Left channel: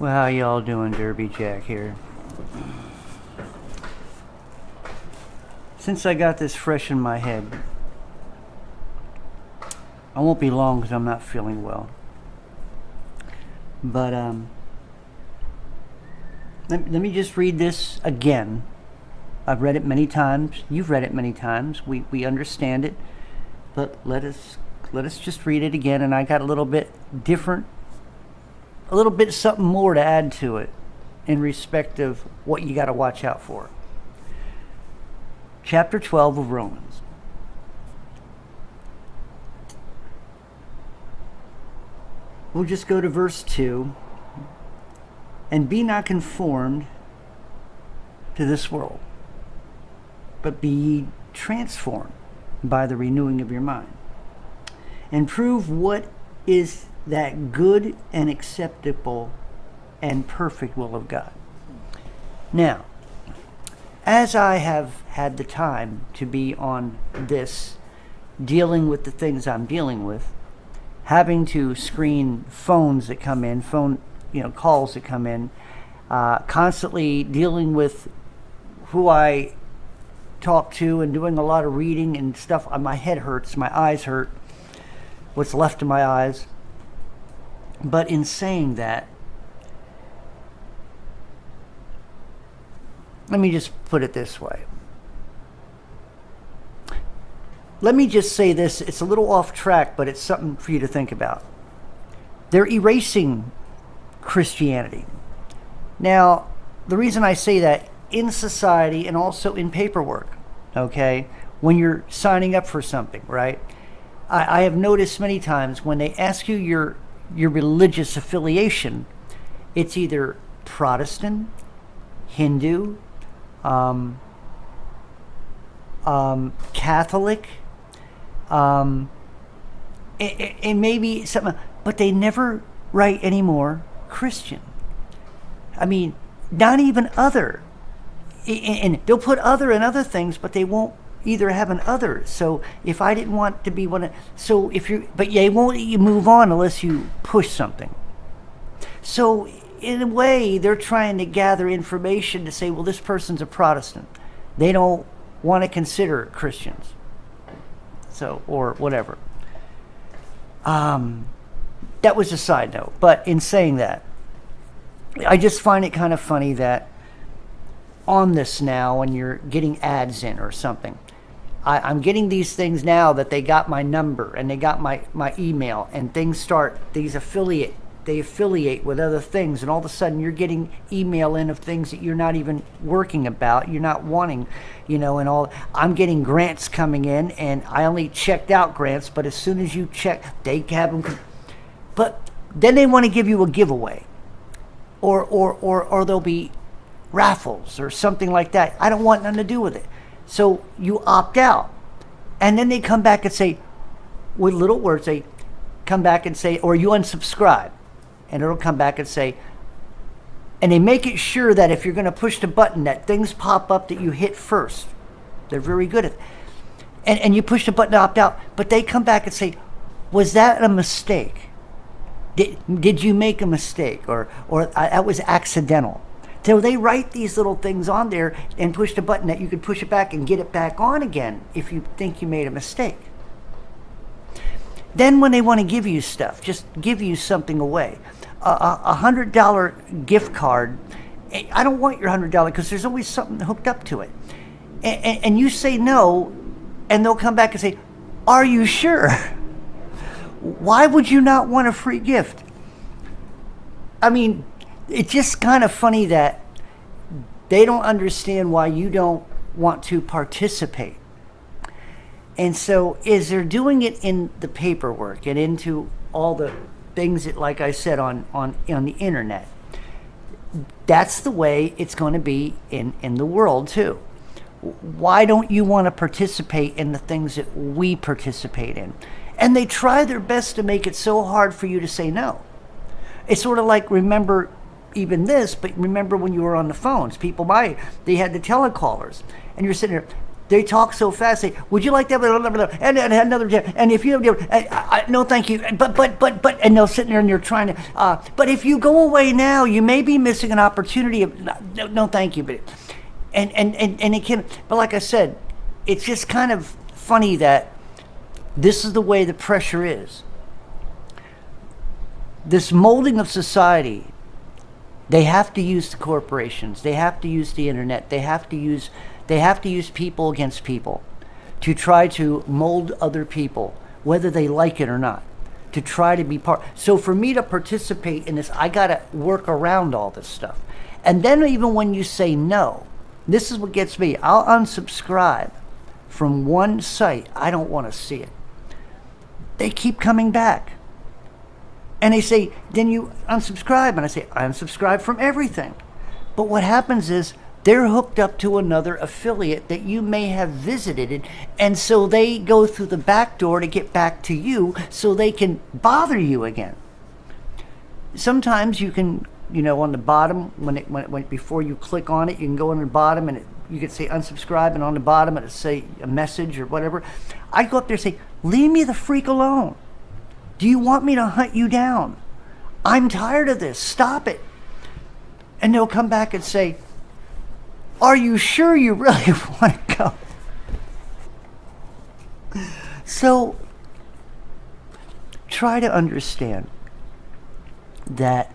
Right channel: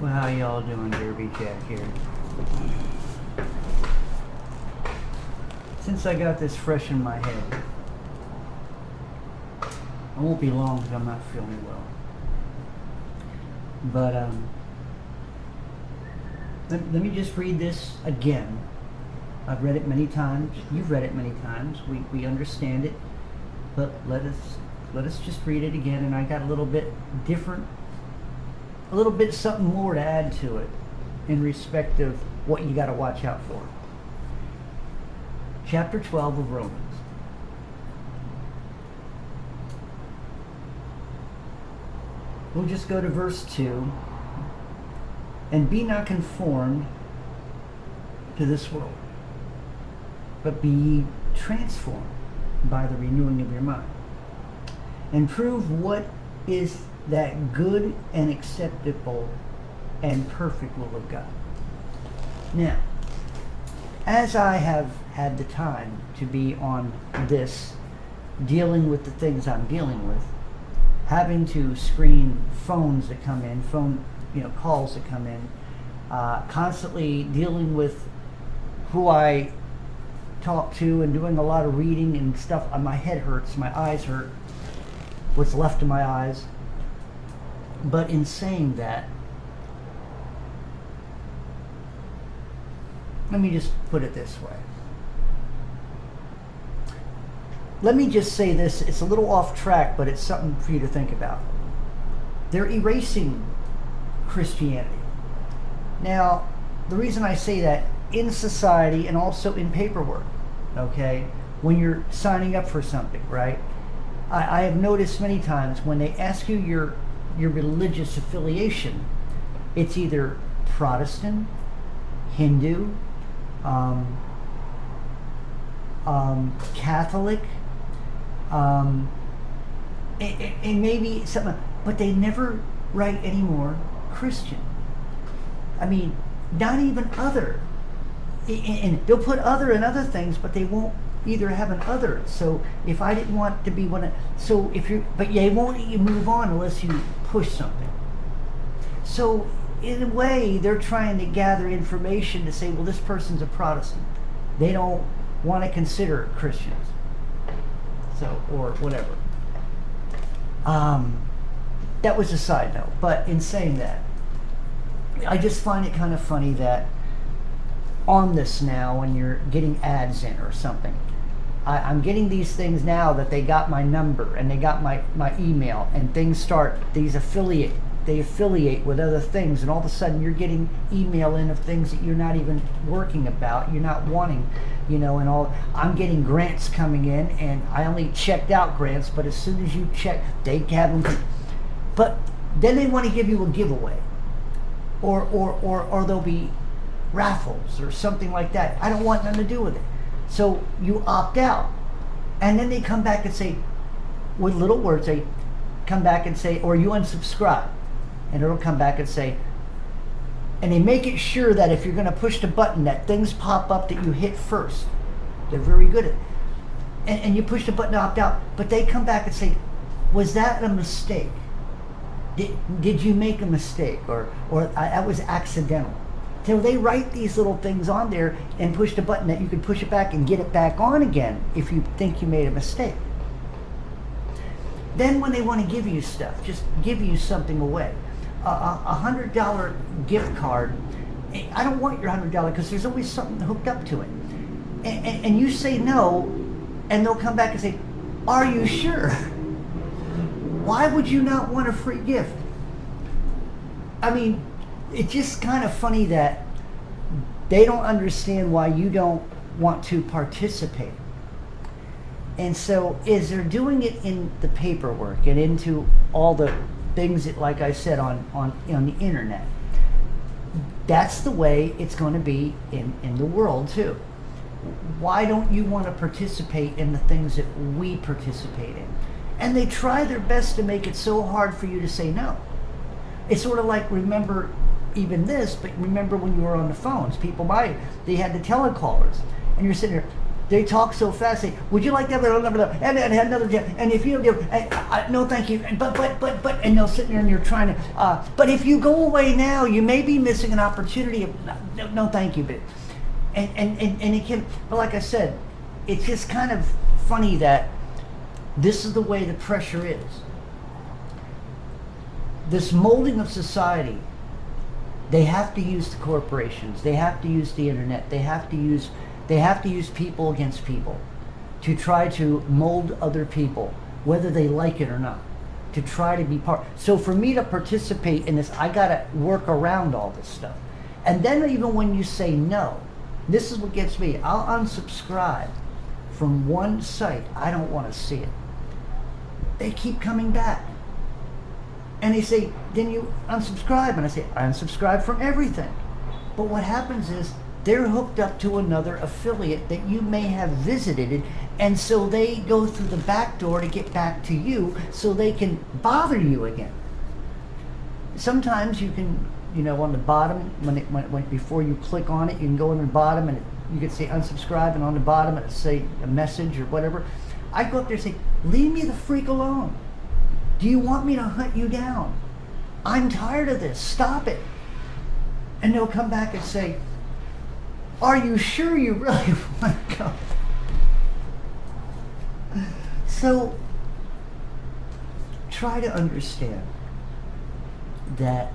Well, how y'all doing? Derby Jack here. Since I got this fresh in my head, I won't be long because I'm not feeling well. But let me just read this again. I've read it many times. You've read it many times. We understand it. But let us just read it again. And I got a little bit different, a little bit something more to add to it in respect of what you got to watch out for. Chapter 12 of Romans. We'll just go to verse 2. And be not conformed to this world, but be ye transformed by the renewing of your mind, and prove what is that good and acceptable and perfect will of God. Now, as I have had the time to be on this, dealing with the things I'm dealing with, having to screen phones that come in, calls that come in, constantly dealing with who I talk to and doing a lot of reading and stuff. My head hurts, my eyes hurt, what's left of my eyes. But in saying that, let me just put it this way. Let me just say this, it's a little off track, but it's something for you to think about. They're erasing Christianity. Now, the reason I say that, in society and also in paperwork, okay, when you're signing up for something, right? I have noticed many times when they ask you your religious affiliation, it's either Protestant, Hindu, Catholic, and maybe something, but they never write anymore Christian. I mean, not even other. And they'll put other and other things, but they won't either have an other. So if I didn't want to be one of, so if you're, but they won't let you move on unless you push something. So in a way, they're trying to gather information to say, well, this person's a Protestant. They don't want to consider Christians. So, or whatever. That was a side note. But in saying that, I just find it kind of funny that on this now, when you're getting ads in or something, I'm getting these things now that they got my number and they got my email, and things start, they affiliate with other things, and all of a sudden you're getting email in of things that you're not even working about, you're not wanting, and all. I'm getting grants coming in, and I only checked out grants, but as soon as you check, they have them. But then they want to give you a giveaway, or there'll be raffles or something like that. I don't want nothing to do with it. So you opt out, and then they come back and say, with little words, they come back and say, or you unsubscribe, and it'll come back and say, and they make it sure that if you're going to push the button, that things pop up that you hit first. They're very good at it. And you push the button to opt out, but they come back and say, was that a mistake? Did you make a mistake, or that was accidental? So they write these little things on there and push the button that you can push it back and get it back on again if you think you made a mistake. Then when they want to give you stuff, just give you something away. A $100 gift card, I don't want your $100 because there's always something hooked up to it. And you say no, and they'll come back and say, are you sure? Why would you not want a free gift? I mean, it's just kind of funny that they don't understand why you don't want to participate. And so as they're doing it in the paperwork and into all the things that, like I said, on the internet, that's the way it's going to be in the world too. Why don't you want to participate in the things that we participate in? And they try their best to make it so hard for you to say no. It's sort of like, remember even this, but remember when you were on the phones, they had the telecallers, and you're sitting there, They talk so fast. Say, would you like that? Blah, blah, blah, blah. And another, and if you no, thank you. But, and they'll sit there and you're trying to. But if you go away now, you may be missing an opportunity. No, thank you. But, and it can. But like I said, it's just kind of funny that this is the way the pressure is. This molding of society. They have to use the corporations. They have to use the internet. They have to use people against people to try to mold other people, whether they like it or not, to try to be part. So for me to participate in this, I got to work around all this stuff. And then even when you say no, this is what gets me. I'll unsubscribe from one site. I don't want to see it. They keep coming back. And they say, then you unsubscribe. And I say, I unsubscribe from everything. But what happens is, they're hooked up to another affiliate that you may have visited, and so they go through the back door to get back to you so they can bother you again. Sometimes you can, on the bottom, when before you click on it, you can go on the bottom and you can say unsubscribe, and on the bottom it'll say a message or whatever. I go up there and say, leave me the freak alone. Do you want me to hunt you down? I'm tired of this. Stop it. And they'll come back and say, are you sure you really want to go? So try to understand that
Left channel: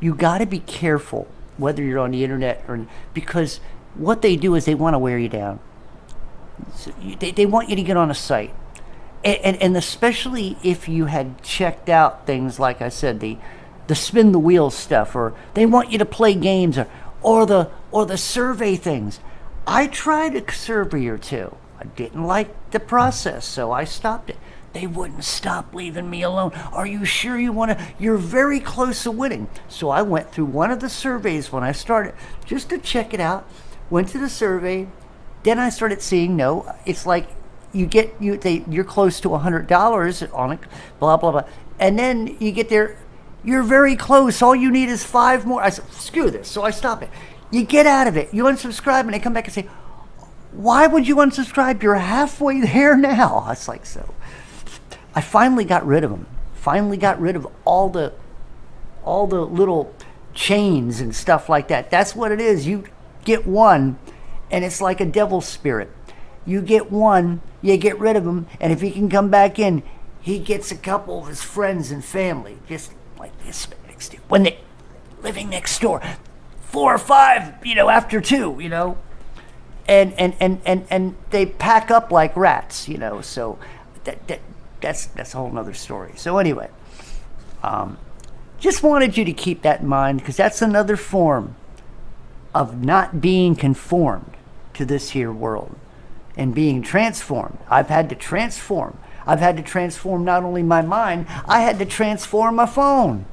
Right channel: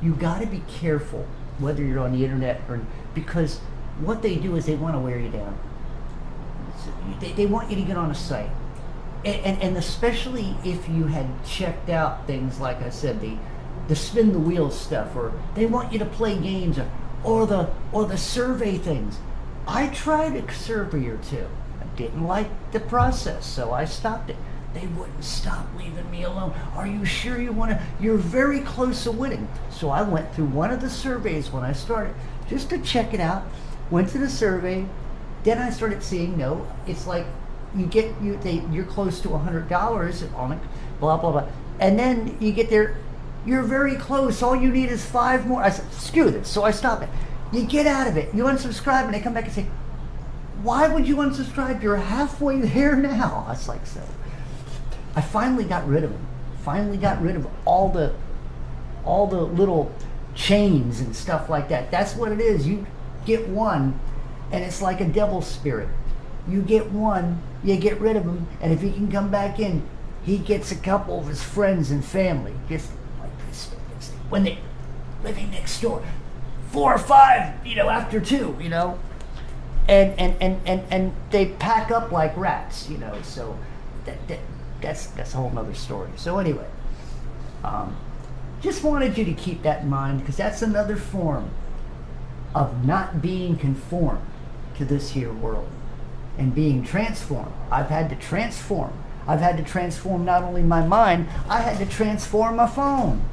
you got to be careful whether you're on the internet or, because what they do is they want to wear you down. They want you to get on a site. And especially if you had checked out things like I said, the spin the wheel stuff, or they want you to play games, or the survey things. I tried a survey or two. I didn't like the process, so I stopped it. They wouldn't stop leaving me alone. Are you sure you want to? You're very close to winning. So I went through one of the surveys when I started, just to check it out. Went to the survey. Then I started seeing, no, it's like you're close to $100 on it, blah, blah, blah. And then you get there, you're very close. All you need is 5 more. I said, screw this. So I stop it. You get out of it. You unsubscribe, and they come back and say, why would you unsubscribe? You're halfway there now. I was like, so. I finally got rid of them. Finally got rid of all the little chains and stuff like that. That's what it is. You get one, and it's like a devil spirit. You get one, you get rid of him, and if he can come back in, he gets a couple of his friends and family, just like this, when they living next door, 4 or 5, after 2, and they pack up like rats, so that's a whole nother story. So anyway, just wanted you to keep that in mind, because that's another form of not being conformed to this here world and being transformed. I've had to transform. I've had to transform not only my mind, I had to transform my phone.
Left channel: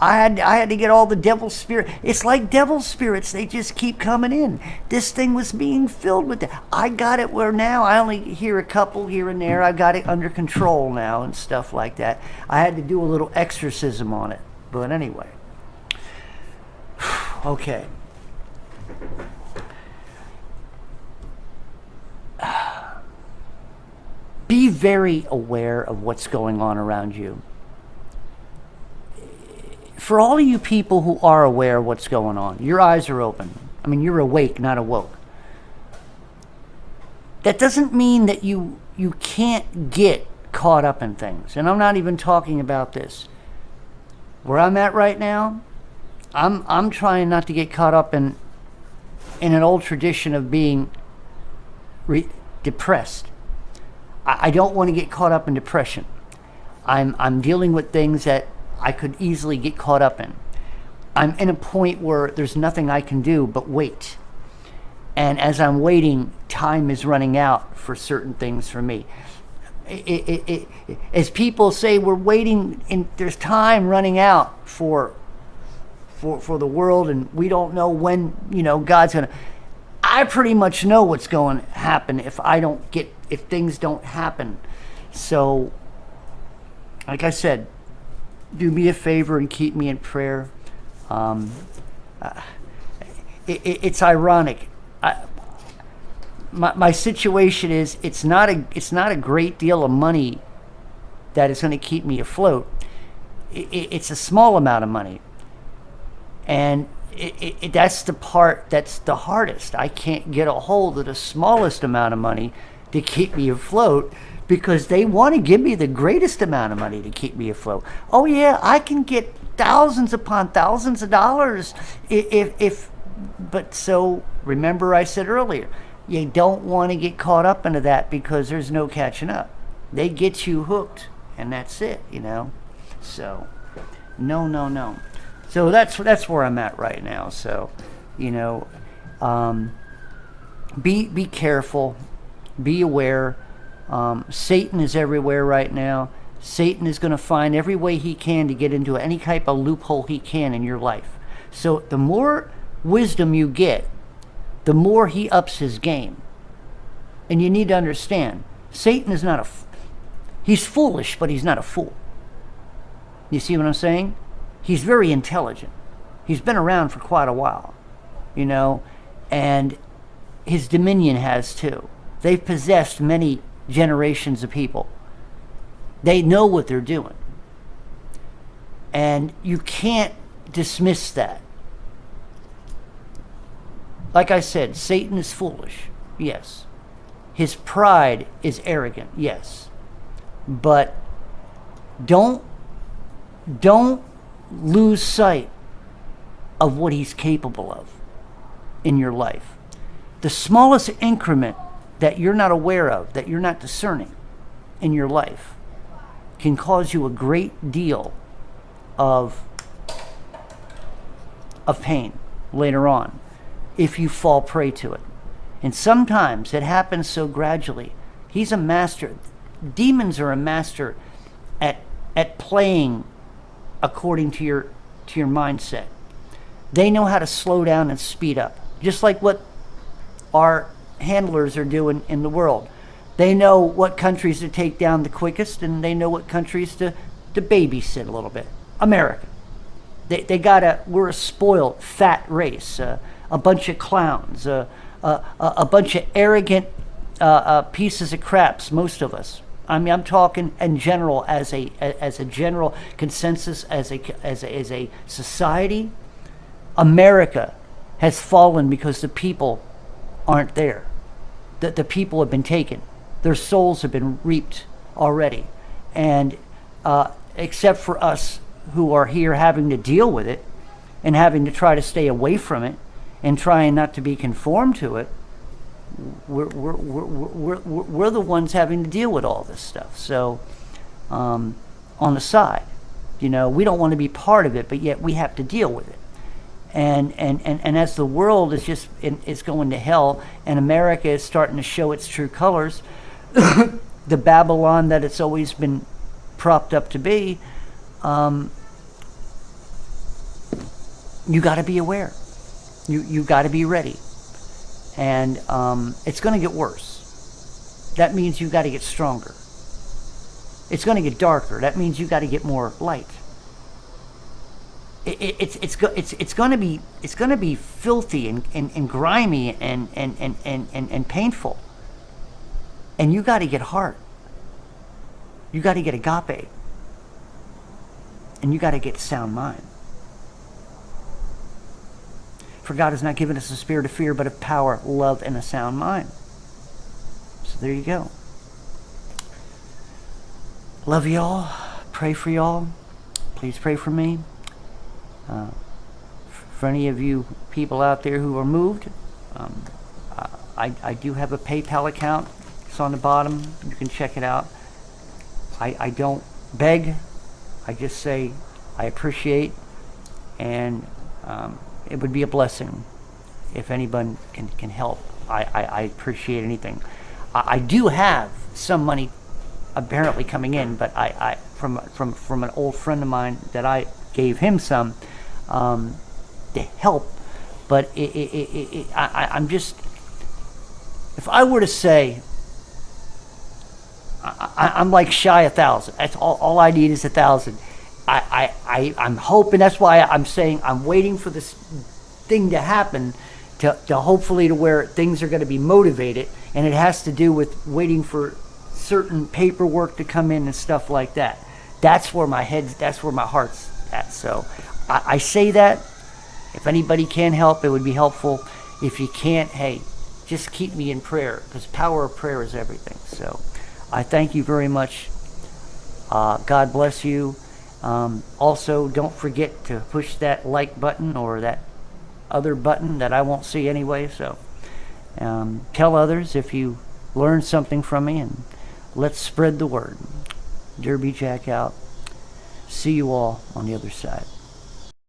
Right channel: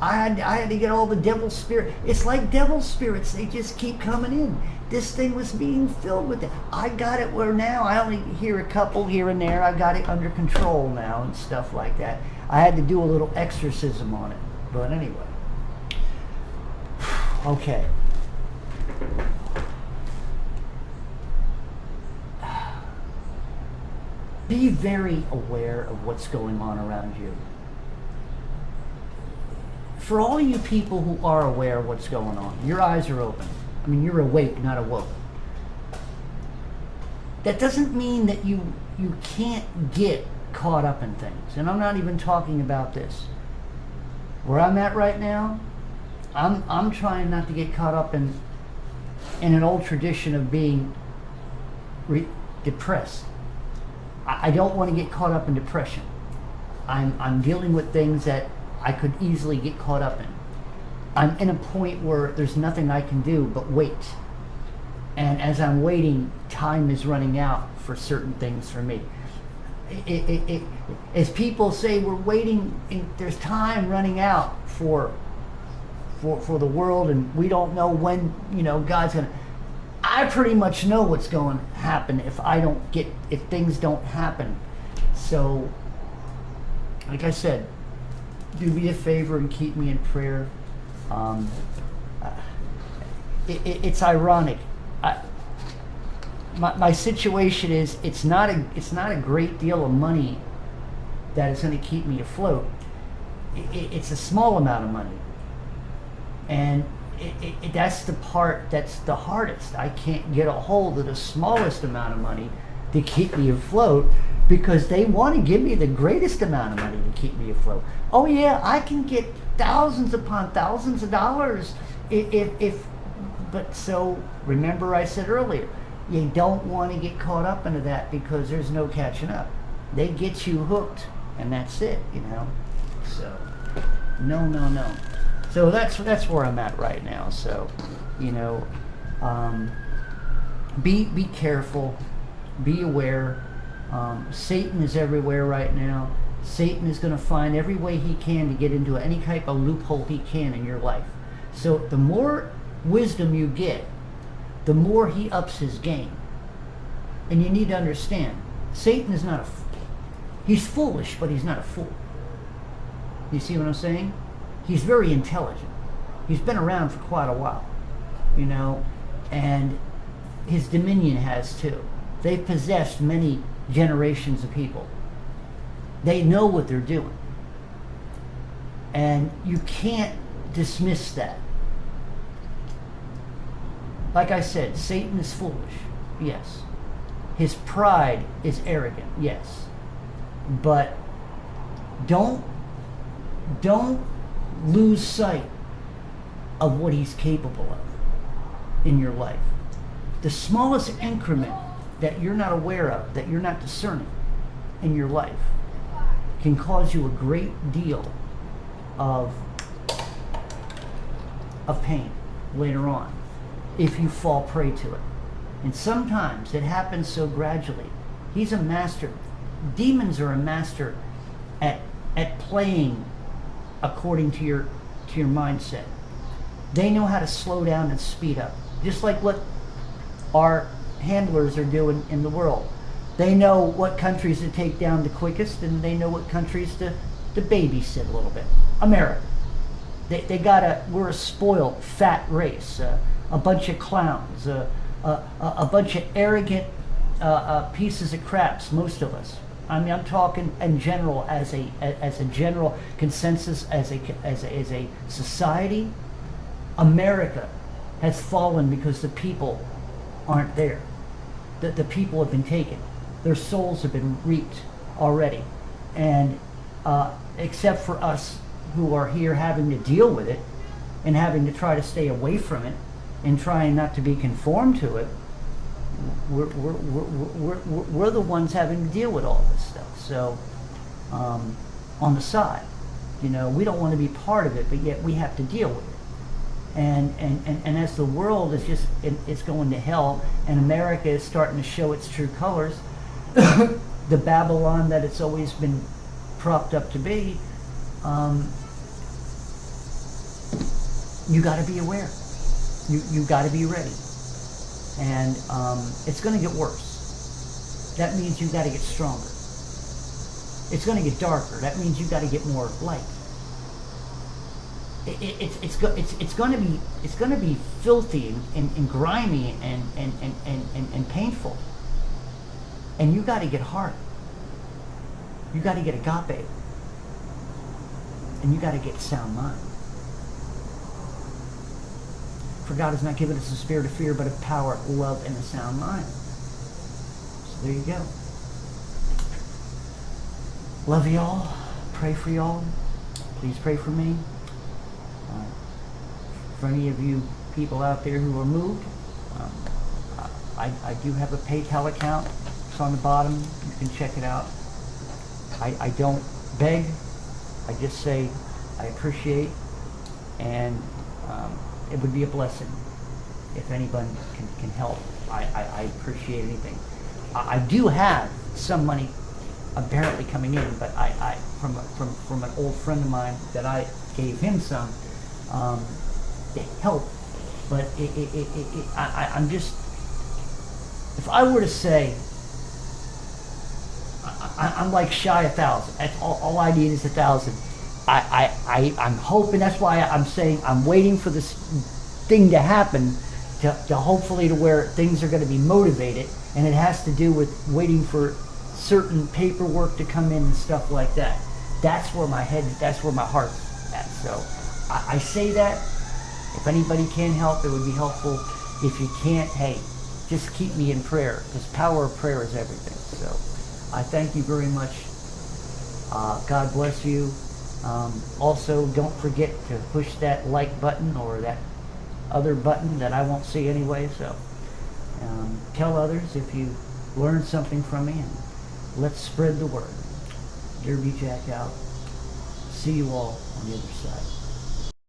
I had to get all the devil spirit. It's like devil spirits. They just keep coming in. This thing was being filled with it. I got it where now I only hear a couple here and there. I've got it under control now and stuff like that. I had to do a little exorcism on it. But anyway. Okay. Be very aware of what's going on around you. For all of you people who are aware of what's going on, your eyes are open. I mean, you're awake, not awoke. That doesn't mean that you can't get caught up in things. And I'm not even talking about this. Where I'm at right now, I'm trying not to get caught up in an old tradition of being depressed. I don't want to get caught up in depression. I'm dealing with things that I could easily get caught up in. I'm in a point where there's nothing I can do but wait. And as I'm waiting, time is running out for certain things for me. As people say, we're waiting, and there's time running out for the world, and we don't know when, God's gonna. I pretty much know what's going to happen if things don't happen. So, like I said, do me a favor and keep me in prayer. It's ironic. my situation is it's not a great deal of money that is going to keep me afloat. It's a small amount of money, and that's the part that's the hardest. I can't get a hold of the smallest amount of money to keep me afloat because they want to give me the greatest amount of money to keep me afloat. Oh yeah, I can get thousands upon thousands of dollars if but so remember I said earlier, you don't want to get caught up into that because there's no catching up. They get you hooked and that's it, So no. So that's where I'm at right now. So, be careful, be aware. Satan is everywhere right now. Satan is going to find every way he can to get into any type of loophole he can in your life. So the more wisdom you get, the more he ups his game. And you need to understand, Satan is not he's foolish, but he's not a fool. You see what I'm saying? He's very intelligent. He's been around for quite a while, and his dominion has too. They've possessed many generations of people. They know what they're doing. And you can't dismiss that. Like I said, Satan is foolish, yes. His pride is arrogant, yes. But don't lose sight of what he's capable of in your life. The smallest increment that you're not aware of, that you're not discerning in your life, can cause you a great deal of pain later on if you fall prey to it. And sometimes it happens so gradually. He's a master. Demons are a master at playing according to your mindset. They know how to slow down and speed up, just like what our handlers are doing in the world. They know what countries to take down the quickest, and they know what countries to babysit a little bit. America, we're a spoiled, fat race, a bunch of clowns, a bunch of arrogant pieces of craps, most of us. I mean, I'm talking in general as a general consensus, as a society. America has fallen because the people aren't there. The people have been taken. Their souls have been reaped already. And except for us who are here having to deal with it and having to try to stay away from it and trying not to be conformed to it, we're the ones having to deal with all this stuff. So on the side, we don't want to be part of it, but yet we have to deal with it. And as the world is it's going to hell, and America is starting to show its true colors, the Babylon that it's always been propped up to be, you got to be aware. You got to be ready. And it's going to get worse. That means you got to get stronger. It's going to get darker. That means you got to get more light. It's going to be filthy and grimy and painful. And you got to get heart. You got to get agape. And you got to get sound mind. For God has not given us a spirit of fear, but of power, love, and a sound mind. So there you go. Love y'all. Pray for y'all. Please pray for me. For any of you people out there who are moved, I do have a PayPal account. It's on the bottom. You can check it out. I don't beg. I just say I appreciate, and it would be a blessing if anyone can help. I appreciate anything. I do have some money apparently coming in, but I from an old friend of mine that I gave him some to help. But I'm just, if I were to say, I'm like shy 1,000. That's all I need is 1,000. I'm hoping, that's why I'm saying I'm waiting for this thing to happen to hopefully to where things are going to be motivated, and it has to do with waiting for certain paperwork to come in and stuff like that. That's where that's where my heart's at. So I say that if anybody can help, it would be helpful. If you can't, hey, just keep me in prayer, because power of prayer is everything. So I thank you very much. God bless you. Also, don't forget to push that like button or that other button that I won't see anyway. So tell others if you learned something from me, and let's spread the word. Derby Jack out. See you all on the other side.